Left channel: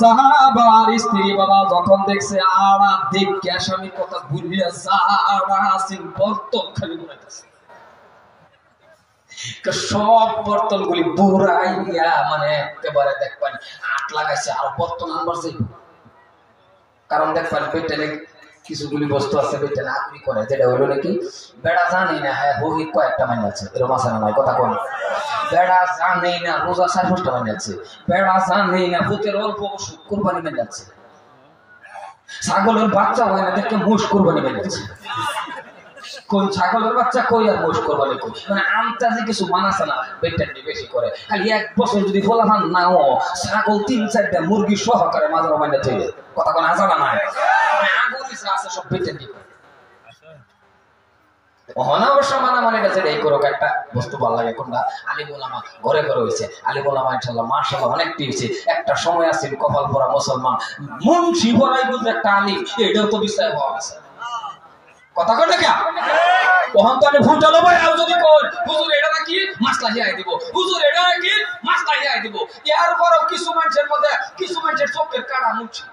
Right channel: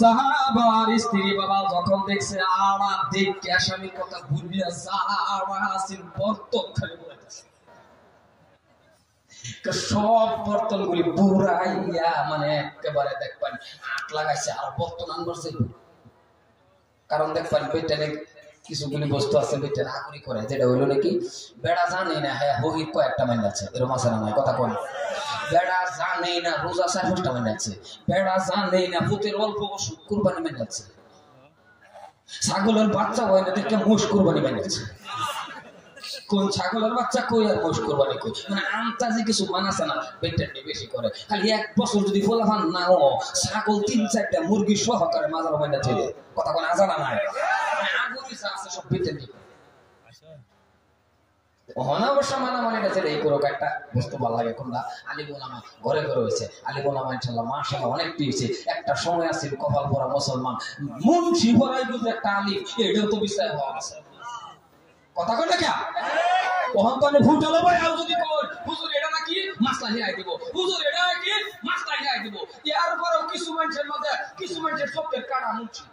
সাহাবার স্ত্রী বাবা যখন দেখছে আড়া দেখে আসামি কথা ভুলিয়া সারা আসিন বর্তন খালি ঘুরাইতেছে সব বর্তন গুলি বুড়াইয়া মানে একেবারে দেখবেন আট লাগাইছে আর বর্তন আনবার যাইব কারণ দেখবেন পেটের কিছুগুলি বস্তু আছে পেটে নাকুরি করে যেটা হইলো নাকি বেড়া জানে না হ্যাঁ বহি কয়েকটা মাইন আছে এরকম আছে না নাই কথা কোন বেড়া জানে না রোজা 4-5টা মাইন আছে বেড়া জানে না ভূতের অল্প বসু কুরবানি মাইন আছে ছাগলের বাচ্চা হয় না দেখে মোষ কুরবানি মাইন আছে কোন ছাগলের বাচ্চা কই আর মোষ কুরবানি কই মানে আমতাজি কিছু মানাছে না বেটারটি বেশি করে খালি এক বছর যদি ফলাফান নাও ছাগল 3-4টা মুরগি সহকারে মাজার মাইন আছে কথা কোন জানা নাই আছে সব বেটারটি ওহনা অবশ্য মানামানি আছে এই করো একটা বস্তু ভালো লাগে কোনটা আলিম উলামা ঘরে ঘরে হইছে আলিম উলামা ইনশাআল্লাহ মাশাআল্লাহ অনেকটি হইছে একটা সময় আছে কপাল পরা মুসলমান মুন্সি ভরাই বুঝ একটা আলিম এটাও তো বিষয় হওয়া আছে কথা কই না কি ওহন তো আমি ফুটালো ভাই আর যদি কই হুজুর এটা নাকি মাসলা হিয়াই দিব হুজুর এটা নাকি মাসলা হিয়াই দিব এর পরেও কিছু মানুষের মধ্যে কিছু মানুষের চোখের কাড়া মুছি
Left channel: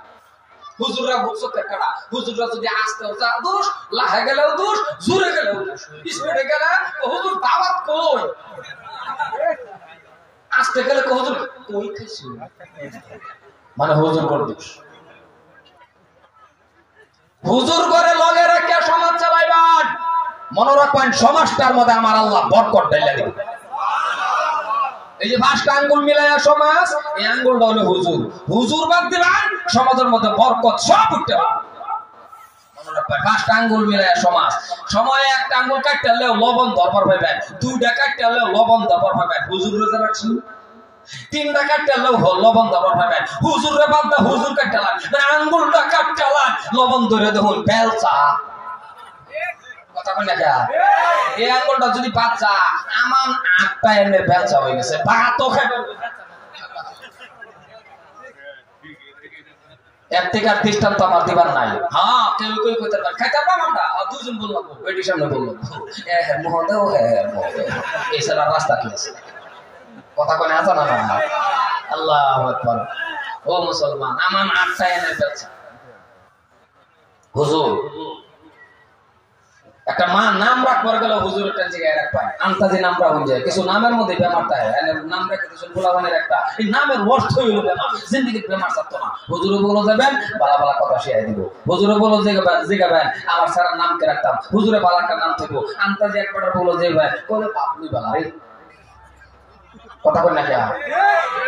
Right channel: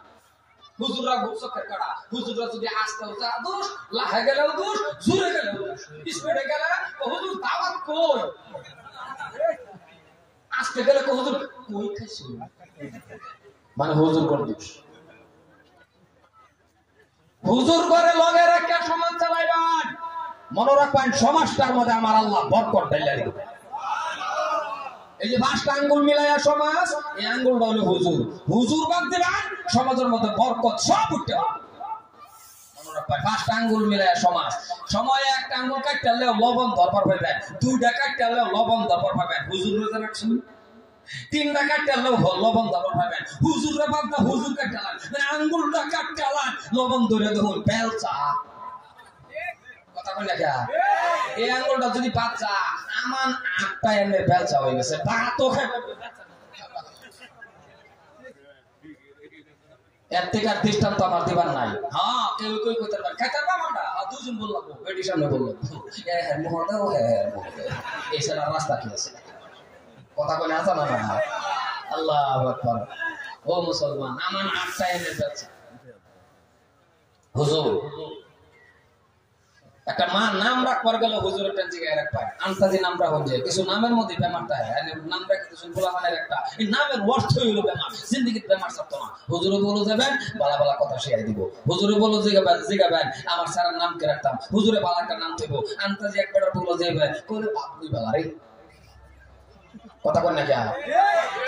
হুজুররা চোখের কাড়া হুজুররা যদি আসতেও যা দোষ লাহে গেলেও দোষ জোরে গেলেও দোষ স্পিডে গেলে হুজুর দাওয়াত কই আসতে গেলে হুজুর কই খাইছো মানে হুজুর করে দোষ হুজুর করে লগে রেখে সমাজ চালাইবান মনে রাখবেন সমাজটার মধ্যে আমার আল্লাহ বরকত ঢাইলা দিবেন এই যে 5টা আঙ্গুল মিলায়া সমাজ এই আঙ্গুলটা হলো হুজুর হুজুর বাদ দিবেন সমাজের মধ্যে বরকত সব উঠতে পারে মনে রাখবেন 5টা আঙ্গুল মিলায়া সমাজ সময়ে একটা আঙ্গুল কাটলেও লবণ দরবার পাইবেন 2টা কাটলেও লবণ দরবার পাইবেন হুজুর রোজা রাখছেন 3টা কাটলেও লবণ দরবার পাইবেন হুজুরে বাদ দা হুজুর কাটলাম মানে আঙ্গুলটা কাটলাম লবণ ধরে দেখুন বেলচা কথা কই না কি এই আঙ্গুলটা যদি বাচ্চা আমান 8টা এমনি বেলচা হয়ে গেছে ভাতও খাইবে এর থেকে আর দৃষ্টান্ত আমার দিবার নাই হ্যাঁ কেউ কই কইতে পারে খাইতে পারবো আমরা দুজন বললাম বেটির সামনে বললাম মহদেও এই সারা রাস্তা কি আছে কথা কই না আছে না আল্লাহু আকবার ও মুসলমান আমান 8টা এমনি বেলচা হুজুর একটা মা নাম রাখবার গেল হুজুরের জায়গায় রাখবাই আন্তাজি নাম রাখুন যায় কিছু নামের মধ্যে বেমারটা নাম রাখে কিছু ফুলাবানের একটা এই নামের অর্থ হইল বেমার জিন্দিগির বেমার থাকতো না হুজুরে বলো যাবেন বালা বালা কথা শিখাই দিব হুজুরে বলো জিগাবেন আমার স্যারের নামকে রাখতাম হুজুরে বালা একটা নাম থাকবো আন্তাজি একবার বলো যে ভাই কলে বাপনি বালা রে কথা কই না কি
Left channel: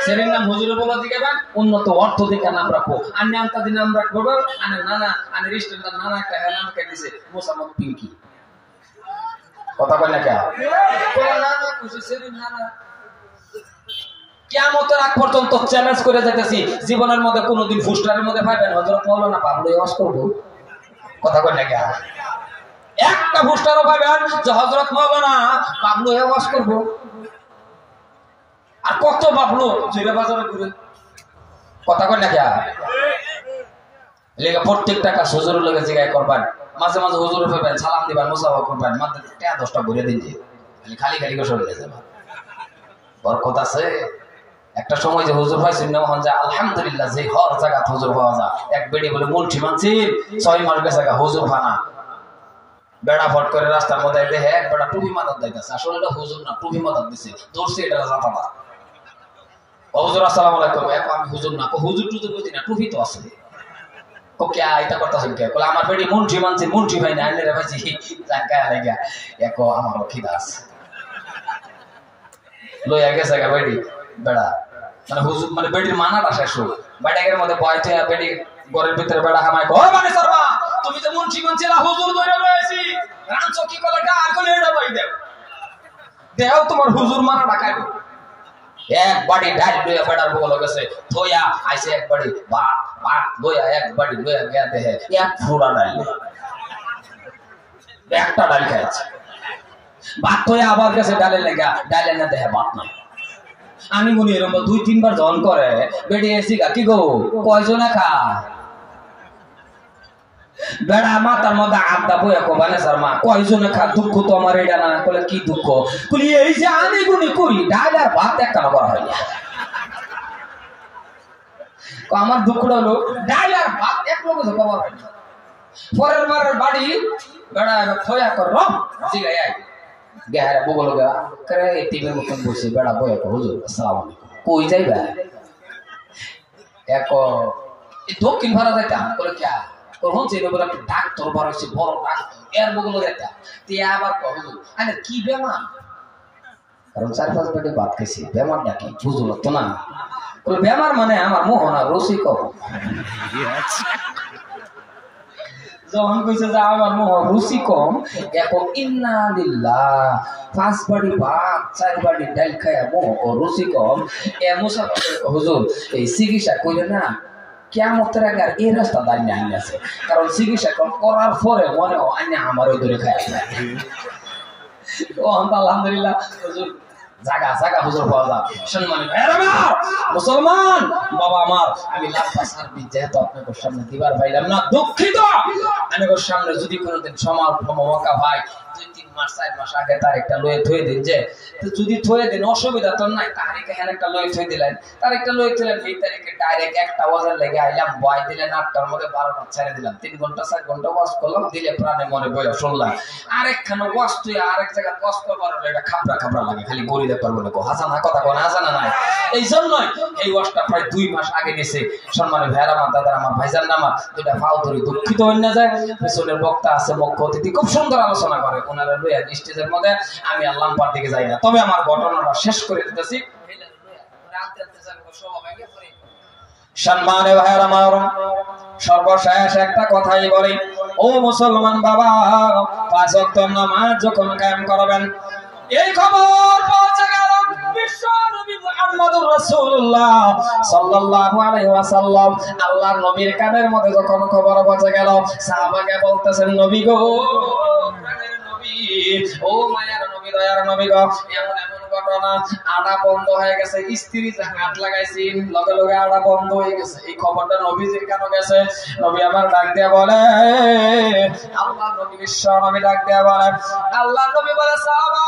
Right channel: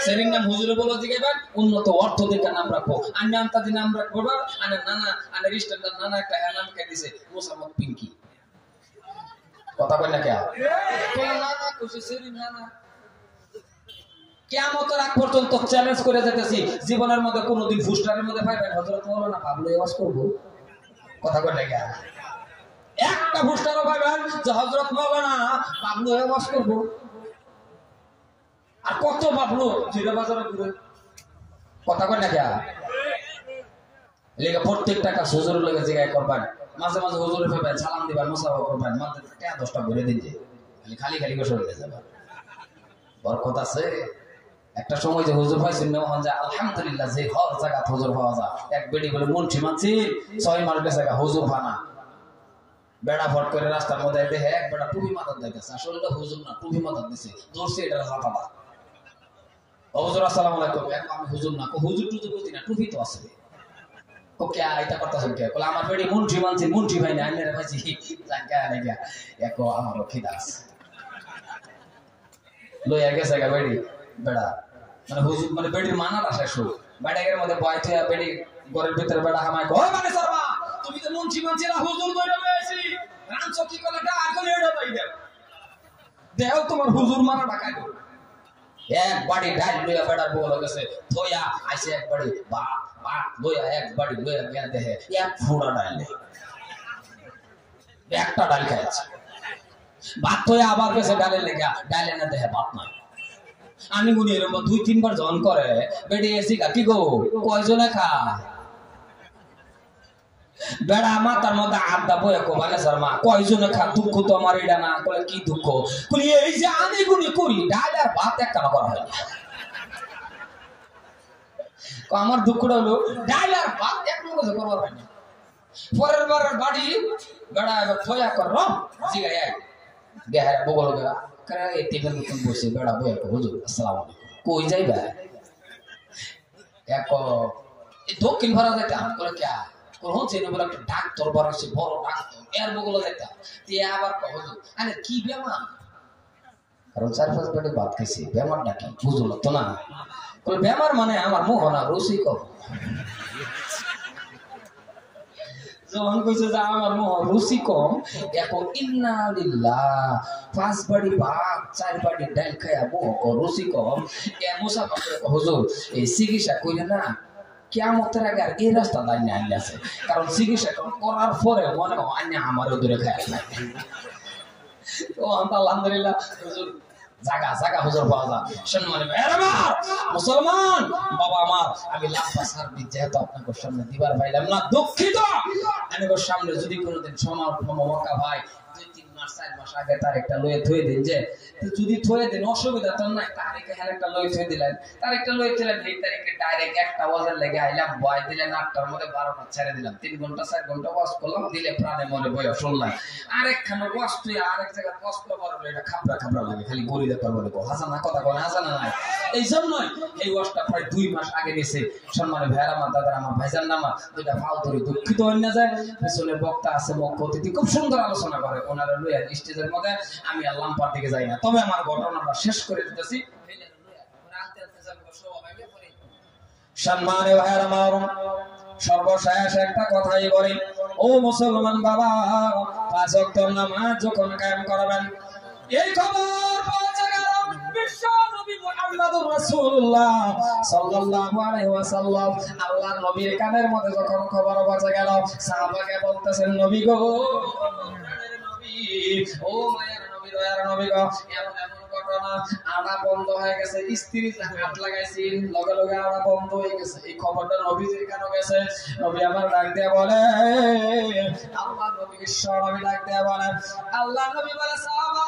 সেরির নাম হুজুরে বলো জিগাবেন উন্নত অর্থ দিকে নাম রাখবো আমি আন্তাজি নাম রাখবো আনে নানা আনে রিস্টেন্ডার নানা একটা নাম কে দিছে মোসাম্মদ পিঙ্কি কথা কই না কি না না খুশি সেদিন না না কিয়ামতের আগ পর্যন্ত চ্যালেঞ্জ করে যেতেছি জীবনের মধ্যে কোনোদিন ফুস্টারের মধ্যে পাইবেন হযরত মাওলানা পাবলো ওয়াজ করব কথা কই না কি একটা ফুস্টারও পাইবেন যে হযরত মাওলানা পাবলো ওয়াজ করব আর কত পাবলো জিরা বাজারে ঘুরে কথা কই না কি লেগে প্রত্যেকটা কাজ হুজুরের লগে জিগায় করবেন মাঝে মাঝে হুজুরে পাবেন সালাম দিবেন মুসাফা করবেন মাত্র 10টা ঘুরে দিন যে খালি খালি করে চলে যাবে বরকত আছে একটা সময় যে হুজুর পাইছেন না হন যা আলহামদুলিল্লাহ যে হর জায়গা হুজুর পাওয়া যায় এক বেডি বলে মুলঠি মানছির 6 মাস গেছে হুজুর ফানা বেড়া ফট করে রাস্তার মধ্যে দেখে এক বেড়া টুপি মাথার দিতেছে আসলে এটা হুজুর না টুপি মাথার দিছে দৌড়ছে এটা জাতাটা হুজুর আসসালামু আলাইকুম আমি হুজুর না হুজুর টুজুর বুঝি না টুপি তো আছে ওকে এটা করতেছেন কে বলে আমার বেডি মুন্ঠি মানছি মুন্ঠি ভাই না আইনে রে ভাইছি জায়গা লাগা একো আমার খিদা আছে লইয়া গেছে গা বেডি বেড়া মানে হুজুর মানে বেডির মানাটা শেষ হল বেডাগের মধ্যে বয়তে বেডি ঘরের ভিতরে বেড়া হামায় কো মানে সরবা তুমি তো মুন্ঠি মানছিলা হুজুর ধরে লইছি রানছো কি কলে গা কলে এটা ভাই দেও দেও তোমার হুজুর মানাটা খাইবো এক বাড়ি ডাল লইয়া বেড়ার বগল গেছে থইয়া আইছে এক বাড়ি ভাত লইয়া এক বাড়ি লইয়া গিয়া দেহে এক ফুরা ডাল একটা ডাল খাইছে ভাত থইয়া আবার গেছে ডালে লেগা ডালে না দেহে ভাত নাই আমি মনে এরকম 2-3 বার জন করে বেড়ে এসি কি গো কয়জনে খা বেড়া মাথার মধ্যে আড্ডা বইয়া কবানে শর্মা কয়জনে খা দুঃখ তো আমার এটা না বলে কি দুঃখ কই এই যে আমি গুনি করি ডাল আর ভাত একটা করা হয় না আমার দুঃখটা হলো ডাল আর ভাত এক লোক কবার হয় না। পরের বার বাড়ি বেড়া থয়া কর জিগাই আয় গেহারা বগল গা করে টিভির মতন বসে বেড়া বয়া হুজুর আসসালামু আলাইকুম কই যাইবা এক দক্ষিণ ভারত যাইতাম বলে কে কখন ছিল বলে একটা ডাক্তার বড় বড় ডাক্তার এর বগল যাইতাম তে আবার হুজুর আরে কি বেমার কারণ 4-5 পেটে ভাত খাইছি বেমারটা কি বুঝলো তো না বলে বেমার মানে আমার মোহনা রসিক যখন কইছে যে আমার মোহ রুচি কম এখন ইন্না লিল্লাহ 5 বাড়ি ভাত 4 বাড়ি ডাল খায়া মোহ ও রুচি কম এ মুসাফির হুজুর এই চিকিৎসা কইলে না কিয়ামতের আগে আর এই রাস্তা দাঁড়িয়ে আইন আছে কারণ চিকিৎসা করার পরে মনে হয় আইনে আমারও দূরে খায় ও আলহামদুলিল্লাহ হুজুর জাগা জাগা হুজুর পাওয়া যায় সম্মানী মুসলমান বাবা আমার আমি লাফা সার্ভিস যেহেতু আপনাদের সামনে দিবার পাইলাম না দুঃখিত আমি ওর সামনে যদি কোনোদিন সময় মৌকা ভাই 2-3 মাস 4 মাস আগে তার একটা লয়ে থই দিন যে যদি থই দিন অসুবিধা তো নাই তারিখে হ্যাঁ একটা লয়ে থই দিলেন তার একটা লয়ে দিলেন এই তারিখে ডাইরেক্ট 1টা বাজার লেগে আইলাম বয় দিলেন 8টার মধ্যে 12টা ছেড়ে দিলাম 3 ঘন্টা 4 ঘন্টা ওয়াশ করলাম দিলে প্রাণে মনে বয়া শুনলাম আরেকখানে ওয়াশ তুই আরেক জায়গা ওয়াশ করবার হলে এটা খাবরা খাবরা লাগে খালি গড়ি দেখতে পারবো না হাসানা কথা কোন হাসানা নাই এই জন্যই এই ওয়াশটা প্রায় 2 মাস আগে নিছে সম্মানী ভাইরা আমার দাদা আমার ভাইজান নামা দুটা ফাও ধরি দুঃখিত হই না যায় পিছনের বক্তা আছে মুখ্য অতিথি খুব সুন্দর আলোচনা করে ওনারা লইয়া স্টেজের মধ্যে আমি আল্লাহ পার দিকে যাই না তবে আমার ঘটনাটা শেষ করে দিতেছি সম্মানে ভাইরা আমার সর্বশেষ একটা কথাই বলি ও মুসলমান বাবা 5 ওয়াক্ত নামাজ যখন কায়েম করবেন এই খবর পৌঁছে গেল বিশ্ব নবী মুহাম্মদুর রাসূলুল্লাহ সাল্লাল্লাহু আলাইহি ওয়াসাল্লাম আল্লাহর নবীর কানের মধ্যে যখন খবর পৌঁছে গেল সাহাবাকে বলতেছেন নবী গো প্রাণের নবী ও মায়ার নবী দয়ার নবী গো এমন এমন ঘটনা আড়া বন্ধ হয়ে গেছে স্ত্রী যে হাত লাগাইছে লগে লগে আড়া বন্ধ হয়ে গেছে এই খবরটা নবীজির কানে গেছে নবী আমার ডাক দিয়া বলে আল্লাহ নবী বিশ্ব নবী ডাক দিয়া বলে আল্লাহ নবী বলে সাহাবা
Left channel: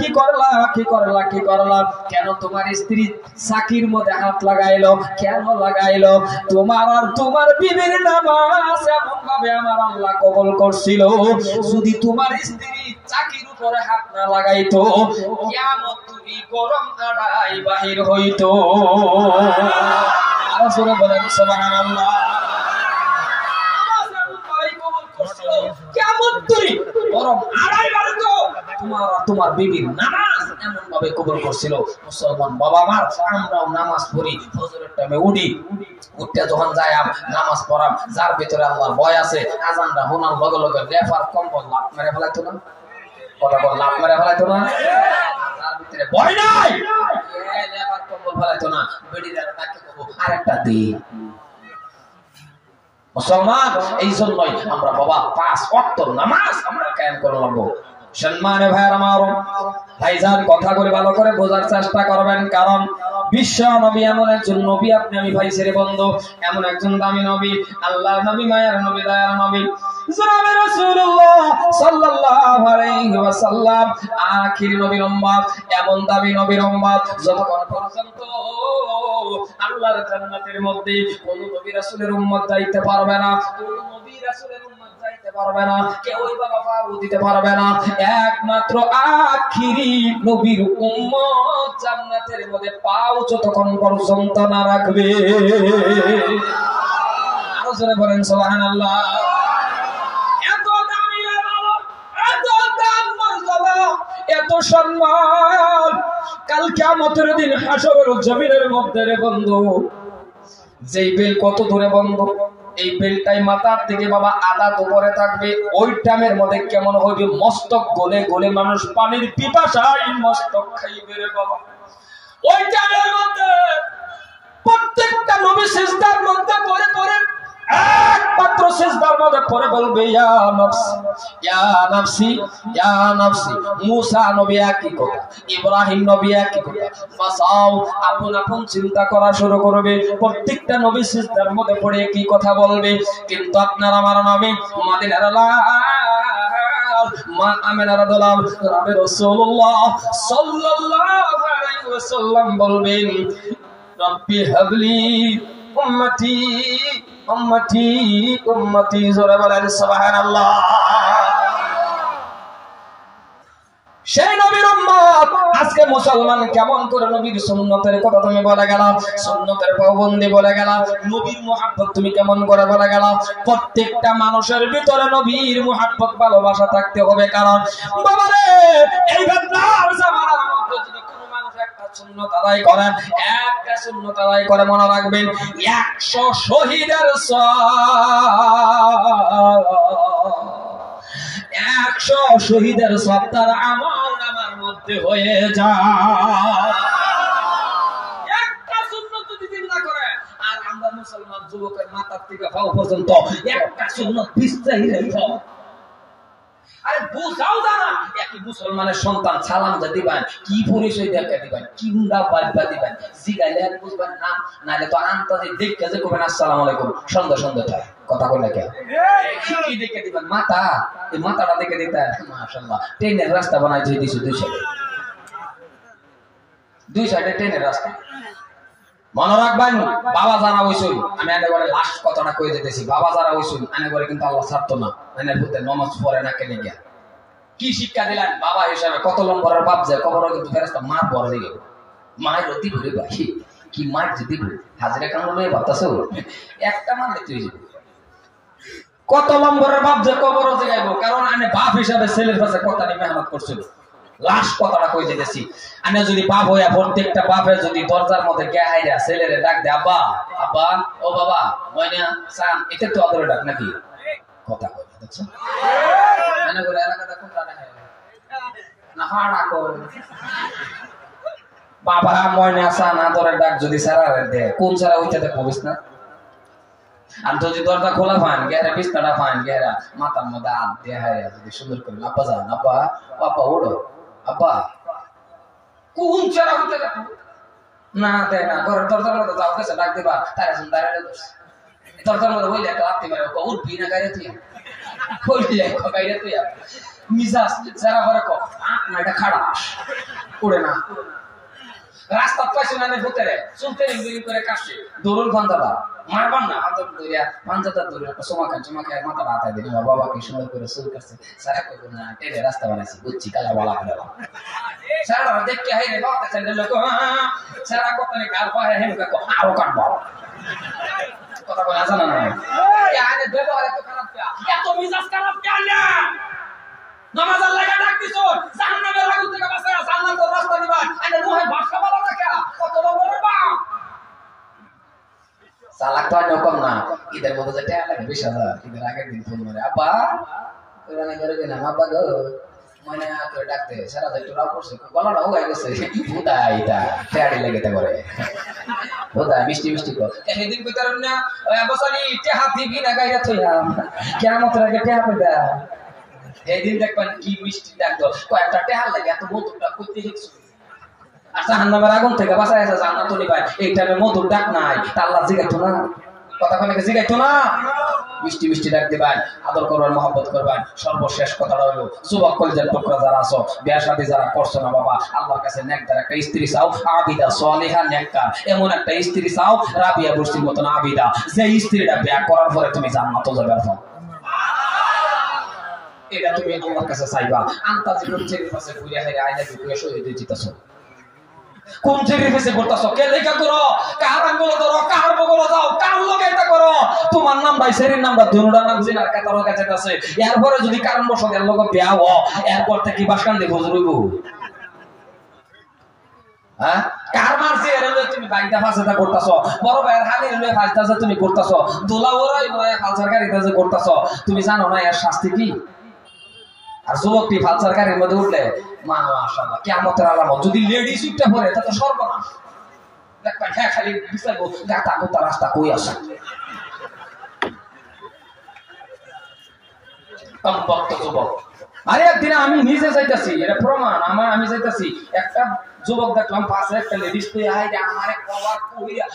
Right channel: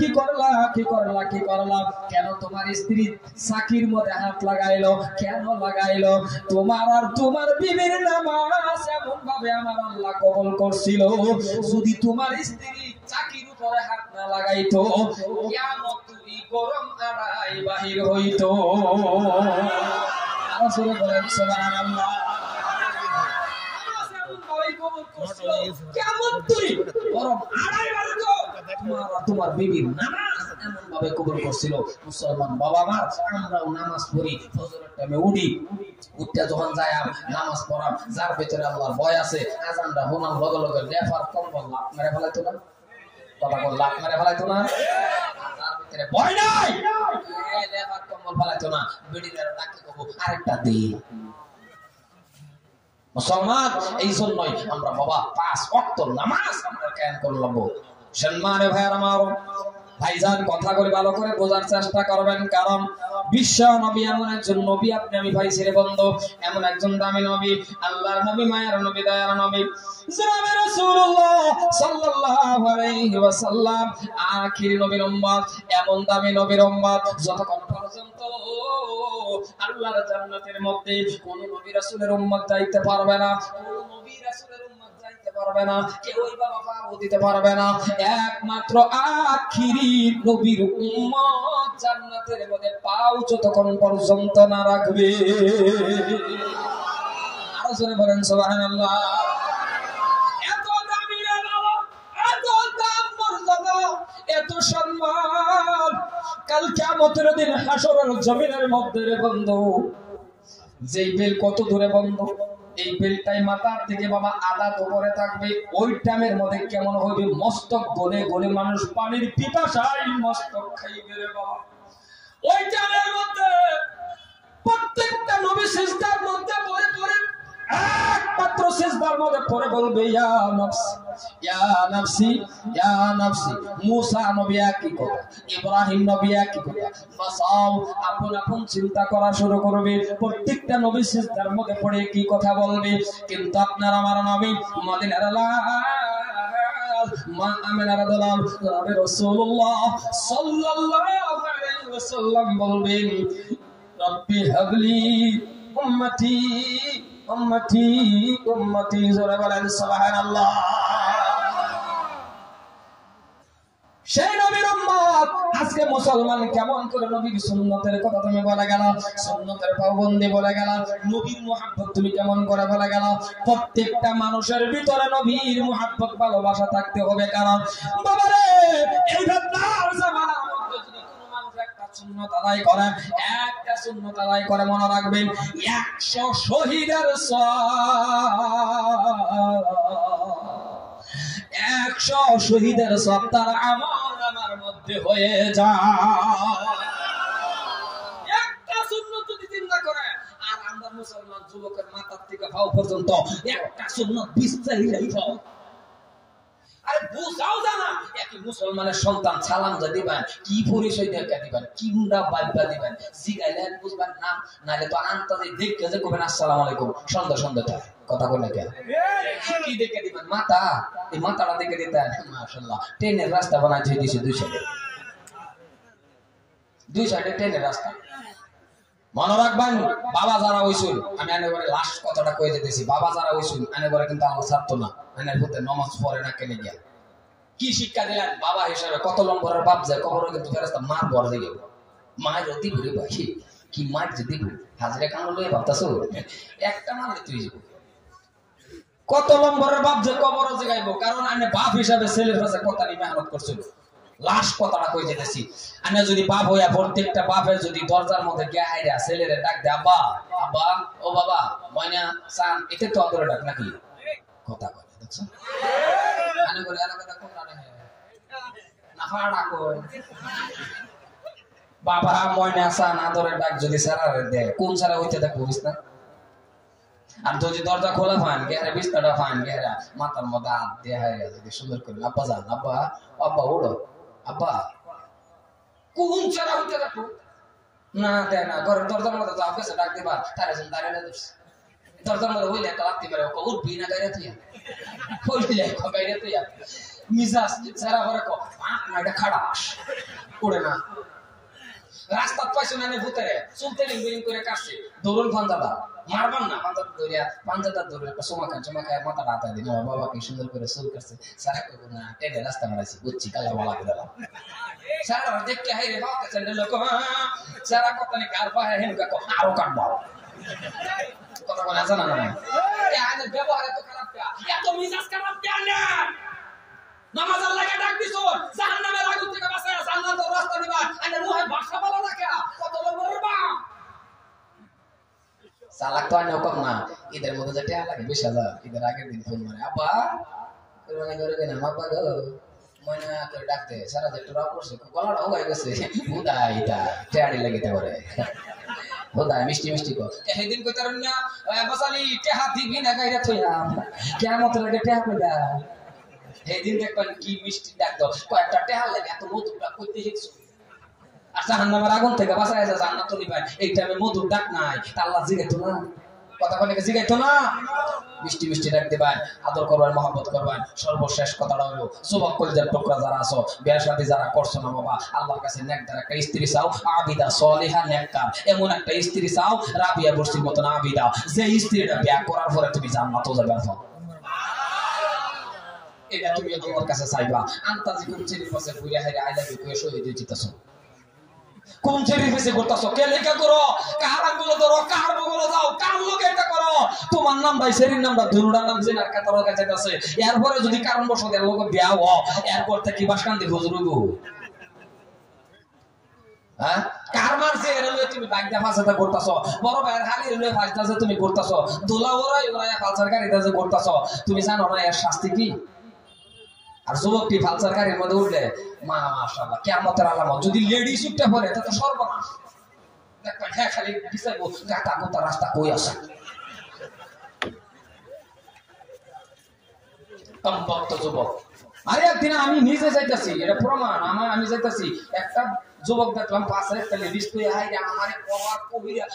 কি করলা কি করলা কি করলা কেন তোমার স্ত্রী সাকির মধ্যে হাত লাগাইলো কেন লাগাইলো তোমার আর তোমার বিবির নামাজ এমন ভাবে আমার আল্লাহ কবুল করছিল যদি তোমার স্ত্রী চাকির উপরে হাত না লাগাইতো কিয়ামত তুমি গরম আড়াই বাহির হইতো আর জোরে বলেন সুবহানাল্লাহ কিয়ামত তুমি গরম আড়াই বাড়তো তোমার বিবির নামাজ এমন ভাবে কবুল করছিল মুসলমান বাবা আমার আমরাও নামাজ পড়ি ফজরের টাইমে উঠি উঠতে যখন যাই নামাজ পড়াম যার ভিতরে আল্লাহর ভয় আছে আজানটা শোনার লগে লগে লেফার কম্বল লাত মেরে ফেলাইতো না কথা বল লাত মেরে ফেলাইতো না তার ভিতরে ভয় নাই লেফার কম্বল ফেলাইতো না বেডি দ্বারা ডাকে কব আরেকটা দি মুসলমান এই জন্যই আমরা বাবা 5 ওয়াক্ত নামাজ আমরা কায়েম করে লাগবো সম্মানে ভাইরা আমার ভাইজান কথাগুলি ভালো করে বোঝার চেষ্টা করবেন কারণ বিশ্ব নবী এমন একজন নবী আপনি আমি ভাই ছেড়ে বন্ধু এমন একজন দামি নবী আল্লাহর নবী মায়ার নবী দয়ার নবী জনাবে রাসূলুল্লাহ সাল্লাল্লাহু আলাইহি ওয়াসাল্লাম আখির নবীর উম্মত এমন দামি নবীর উম্মত যতক্ষণ পর্যন্ত আল্লাহর জান্নাতের মধ্যে কোন নবী রাসূলের উম্মত যাইতে পারবে না কোন নবী রাসূলের উম্মত যাইতে পারবে না কেউই বাবা পাও দিতে পারবে না একমাত্র আখিরি নবীর উম্মত জান্নাতের মধ্যে পাও যতক্ষণ পর্যন্ত না রাখবে আরো জোরে বলেন সুবহানাল্লাহ এত দামি বাবা এত দাম মর্যাদা এত সম্মান কাল কিয়ামতের দিন হাশরের জমিনের মধ্যে রে বন্ধু যেই বেল কত দূরে বন্ধু এই বেলটাই মাথার থেকে বাবা আধা উপরে থাকবে ওই টাইমের মধ্যে কেমন হবে মস্তক গলে গলে মানুষ পানির পিপাসায় মস্তক খাইবে রে বাবা ওই টাইমের মধ্যে প্রত্যেকটা নবী সিজদার মধ্যে পড়ে পড়ে একমাত্র সিজদার মধ্যে পড়ে বলবে ইয়া নাফসি ইয়া নাফসি ইয়া নাফসি মুসা নবী একই কথা ইব্রাহিম নবী একই কথা বাসাও আপন আপন চিন্তা করা শুরু করবে প্রত্যেকটা নবী সিজদার মধ্যে পড়ে একই কথা বলবে কিন্তু আপনার আমার নবী মদিনার মা আমেনা রাদিয়াল্লাহু আনহা রাসূলুল্লাহ সাল্লাল্লাহু আলাইহি ওয়াসাল্লাম বলবেন রব্বি হাবলি উম্মতি উম্মতি উম্মতি, জোরে বলেন সুবহানাল্লাহ। সেই নবীর উম্মত আজকে মুসলমান কেমন করে নবীর সুন্নতের কথা তুমি বলে গেল, সুন্নতের পাবন্দি বলে গেল, নবীর মুহাব্বত তুমি কেমন করে বলে গেল। প্রত্যেকটা মানুষের ভিতরে নবীর মুহাব্বত ভালোবাসা থাকতে হবে। কারণ বাবারে এই বেদনার জামানার মধ্যে যদি কোনো মানুষ একটা সুন্নত আদায় করে, একটা সুন্নত আদায় করে, মনে রাখবেন 100 শহীদের সওয়াব, 100 শহীদের সব তার আমল নামার মধ্যে হয়ে যায়। একটা সুন্নত যদি জিন্দা করে, আর আমরা মুসলমান যুবকের মাথার থেকে পাও পর্যন্ত একটা সুন্নত বিস্তারিত রেখো। আরে বুঝাও জানা একই মুসলমানের সন্তান সালাম যা দিবেন, কি পরিচয় দেখা দিবেন, কি মুন্ডা বাদবা দিবেন, জিগাইলে আর বুঝবেন না, নাইলে তো আন্তাজে দেখতে যে কবেন আসসালামু আলাইকুম, সন্ধ্যা সন্ধ্যা চাই কথা বলে কে কি দেখে দিবেন, মাথা, এই মাথাটা দেখে দিতেন। মাশাআল্লাহ, ট্রেনের রাস্তা বানাই দিয়ে দিছে দুই সাইডে ট্রেনের রাস্তা। মনে রাখবেন বাবা যারা হইছুন, আমি এনে করে লাস্ট কথাটা কয়ে যেতেছি, বাবা যারা হইছুন এনে করে কিন্তু আল্লাহ ছাড়তো না, এনে ভূতে নমাজ পড়ে না কেনে গিয়া। কি শিক্ষা দিলেন বাবা হিসাবে? কত নম্বরের বাপ যে কবর কিন্তু ফেরেশতা মার বর দিকে মায়ের অতি ঘুরে ভাই, কি মার যদি হাজিরা কান লয়ে বাতাসো একটা মারলে তুই যাবি। কত নম্বরের বাপ যে কবর জায়গাইব, কারণ আমি বাপ হিসাবে ছেলের কাছে কথা নিয়ে মেহনত করছিল। লাস্ট কথাটা কই যেতেছি, আমি যদি বাপ হইয়া প্রত্যেকটা বাপের যদি দরজার মধ্যে কে আইরা ছেলেরে ডাক দে, আব্বা আব্বা ও বাবা ময়না সান, এটা তো আদরে ডাক নাকি? কথা কই দেখছো মানে করে এলাকাটা কোনটা না না হাড়া কই বাবা ময়না সান আদরে ডাক যদি সারারে দে, কোন সারা হইতে দে কবিস না। আর যদি দরজা খোলা পান গেরা বিছনাটা পান গেরা মাথার মধ্যে হাত দিয়ে হারিয়া যদি সুন্দর করে আব্বা যান, আব্বা আব্বা ওড়ো আব্বা, কোন চারা হইতে দেখো না দেয় না, ঘরের দরজার মধ্যে যাও গেছে ডাক দিবা, তারা যখন দাঁড়ালে দোষ দরজার মধ্যে হইলে একটা লাত্তি মারে উঠবি না গাড়ি তুই হইলে গাড়ি তুই মিজাজ যারা করে ক না এটা খারাপ উড়ে না। রাস্তা পাইছে না ভূতেরে চুলতে রিং করে কাটছে, দৌড়ল ভাঞ্জাদা মারবার না, হাত ধরিয়া ভাঞ্জাদা ধরে একটা চমা খায় মাথা হাতায় দিন। আমার বাবাকে সুন্দর করে চুল কাটছে, সারা করবো না টেনে রাস্তা বানাইছি বুঝছি কালা বলা করে সারা দেখতে হাই রে বাবা চ্যান্ডেল লোক সারা কথা নেই কাল পাহাড়ে হেন কাকো আরো কাটবো কথা বলে জানা না আনে ব্যবহার এত খারাপ এত মিজাজ খারাপ কেন? নামাজ আল্লাহকে ডাক দিছো, জাহান্নামের আগুন থেকে বাঁচায়া জান্নাতের রাস্তা দিবা, আরে মুহে ভাষা বলা রাখা কত বড় বাপ সালাক তো আর কম না। ঈদের মধ্যে যে টাকা লাগে 20,000, ঈদের আগের দিন ফোন মারে আব্বা কোরবানি করে দেন আব্বা গো মনে করে ডাকতে সারা যে তোরা পড়ছে গলাটা হয়ে গেছে বুদাই এটা টাড়ি লেগেতে পারে বুদাই মিষ্টি মিষ্টি কর সেদিন কইতার না বসানি টেহা দিবি না গাইরা থইলাম কিয়ামত আগে টেহা পেদা এইদিন দেখবেন কি মিষ্টি ডাক দাও কয়েকটা টেহা লাগে এত মধুরটা কইতে শিখছো। আর জাহান্নামের আগুন থেকে বাঁচায় আছে জান্নাত নিবাই, এই টাইমে মধুর ডাক নাই, তা আল্লাহ জিগাইতো না, কথা কোনকে জিগাইতো না। মিষ্টি মিষ্টি ডাক দিবেন, আদর করবেন, মহব্বত করবেন। সর্বশেষ কথাটা হলো যুবক কলেজের টুকরা যারা আছো, বিয়া শাদী যারা করছো না বাবা, আল্লাহর কাছে নেকদার একটা স্ত্রী চাও, আবিদা সলিহা নেককার, এমন একটা স্ত্রী চাও রাবিয়া বুরসির মতন আবিদা, যে স্ত্রীটা বিয়া করার পরে তুমি জান্নাতে যাবে। এটা তুমি আল্লাহর কাছে চাইবা। আন্তাজি কোন ছেলের পাশে ঘুরে হেরে আইলা দিয়ে শহীদ হয়ে জিতাছো, কোন ছেলের পাশে ঘুরতাছো, কে লেখা করো, কার আঙ্গুল ধরো, কার বগল দাও, কার লগে এটা করো, তোমার নাম ভাই ছেলের নামটা ধনুডা নাম জিনার কাতারও কাছে আছে। এরপরে যদি কারণ বসত এর লগে বিয়া হ, এরপর থেকে বাসকান্দি খোঁজ রইব। হ্যাঁ কার মারছি এর লগে তুমি বাইকটা ফাঁসাটা করতাছো, বড় ভাইয়ের হালির লগে ফাঁসতাছে তুমি করতাছো, দোলা ওরাই ওরাই ফালসার গাড়িতে যে করতাছো, তুমি জানো না এর শাস্তি কি? আর যুবকটি ফালসার গাড়ির মধ্যে উঠলে মাশাআল্লাহ কিয়ামতের আলামত, যদি লেডিস উঠতে পড়ে তা তো সর্বনাশ। দেখবেন হ্যাঁ খালি বিচারবো গাতা গোতা রাস্তা কই আসে কমপক্ত যুবক। আরে একদিন আমি নিজে যাইতাছি, এটা প্রমাণ আমার, আমি যাইতাছি একটা যুবক দেখলাম পাশে একটা লেডিস কই আইরে আমারে কভার কইরা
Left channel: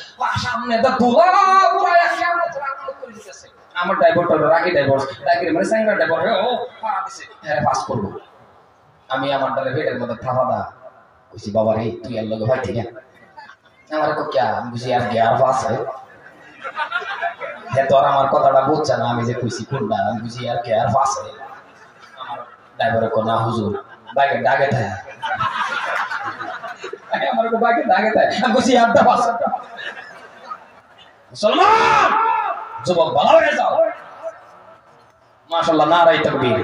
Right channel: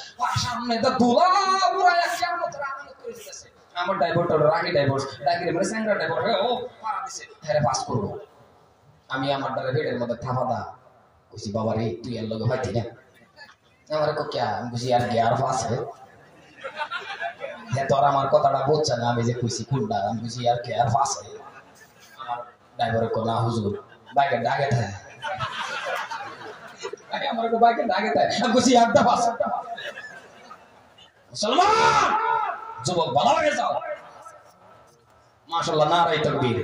সামনে দা দোলা পুরায়া কিয়ামতের আলামত করে দিতেছে। আমার ড্রাইভারটা রাগি ড্রাইভার, রাগির মানে স্যাংরা ড্রাইভার, ও পারা দিছে হ্যাঁ পাস করব। আমি আমার ড্রাইভারের মধ্যে থাপা দা কইছি বাবা রে তুই এর লগে ভাইতি না, আমার কো क्या আমি বুঝি আর গিয়ার পাস है হে তোর আমার কথাটা বুঝছ না আমি যে কইছি কোনটা আমি বুঝি আর গিয়ার পাস है আমার ড্রাইভারে কো না হুজুর বাইকে ডাকে থাকে আমার কো বাইকে ডাকে থাকে আমি বুঝি আড্ডা পাস মুসলমান যুবক ভালো হয়ে যাও মাশাআল্লাহ নারায়ে তাকবীর